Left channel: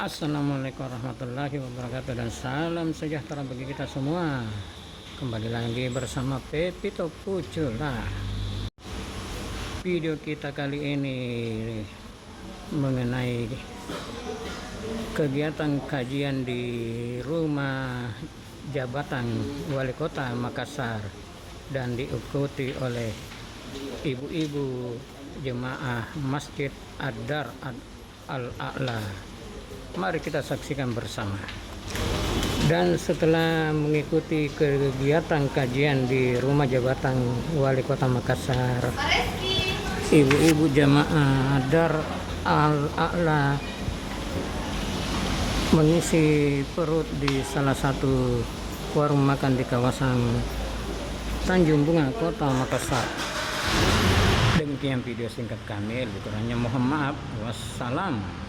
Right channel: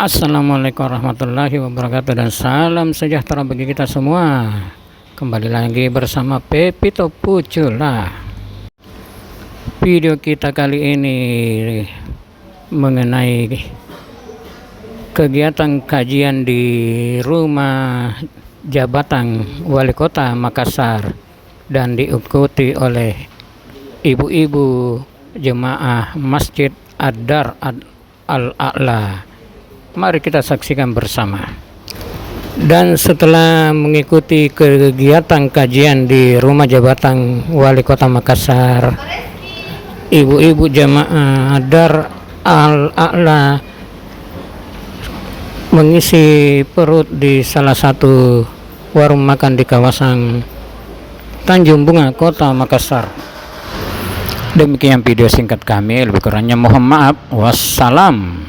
Assalamualaikum warahmatullahi wabarakatuh dan salam sejahtera bagi kita semua. Kembali lagi bersama Pepito Pucula. Video kita kali ini mengenai kegiatan kajian di rumah jabatan Wali Kota Makassar dan diikuti oleh ibu-ibu jemaah Masjid Ad-Dar Al-A'la. Mari kita saksikan bersama. Dan setelah mengikuti kegiatan kajian di rumah jabatan Wali Kota Makassar, ibu-ibu jamaah Dar Al-A'la mengisi perut di salah satu warung makan di kawasan Tanjung Bunga, Kota Makassar. Demikian video singkat kami, lebih kurangnya mohon maaf. Wassalam.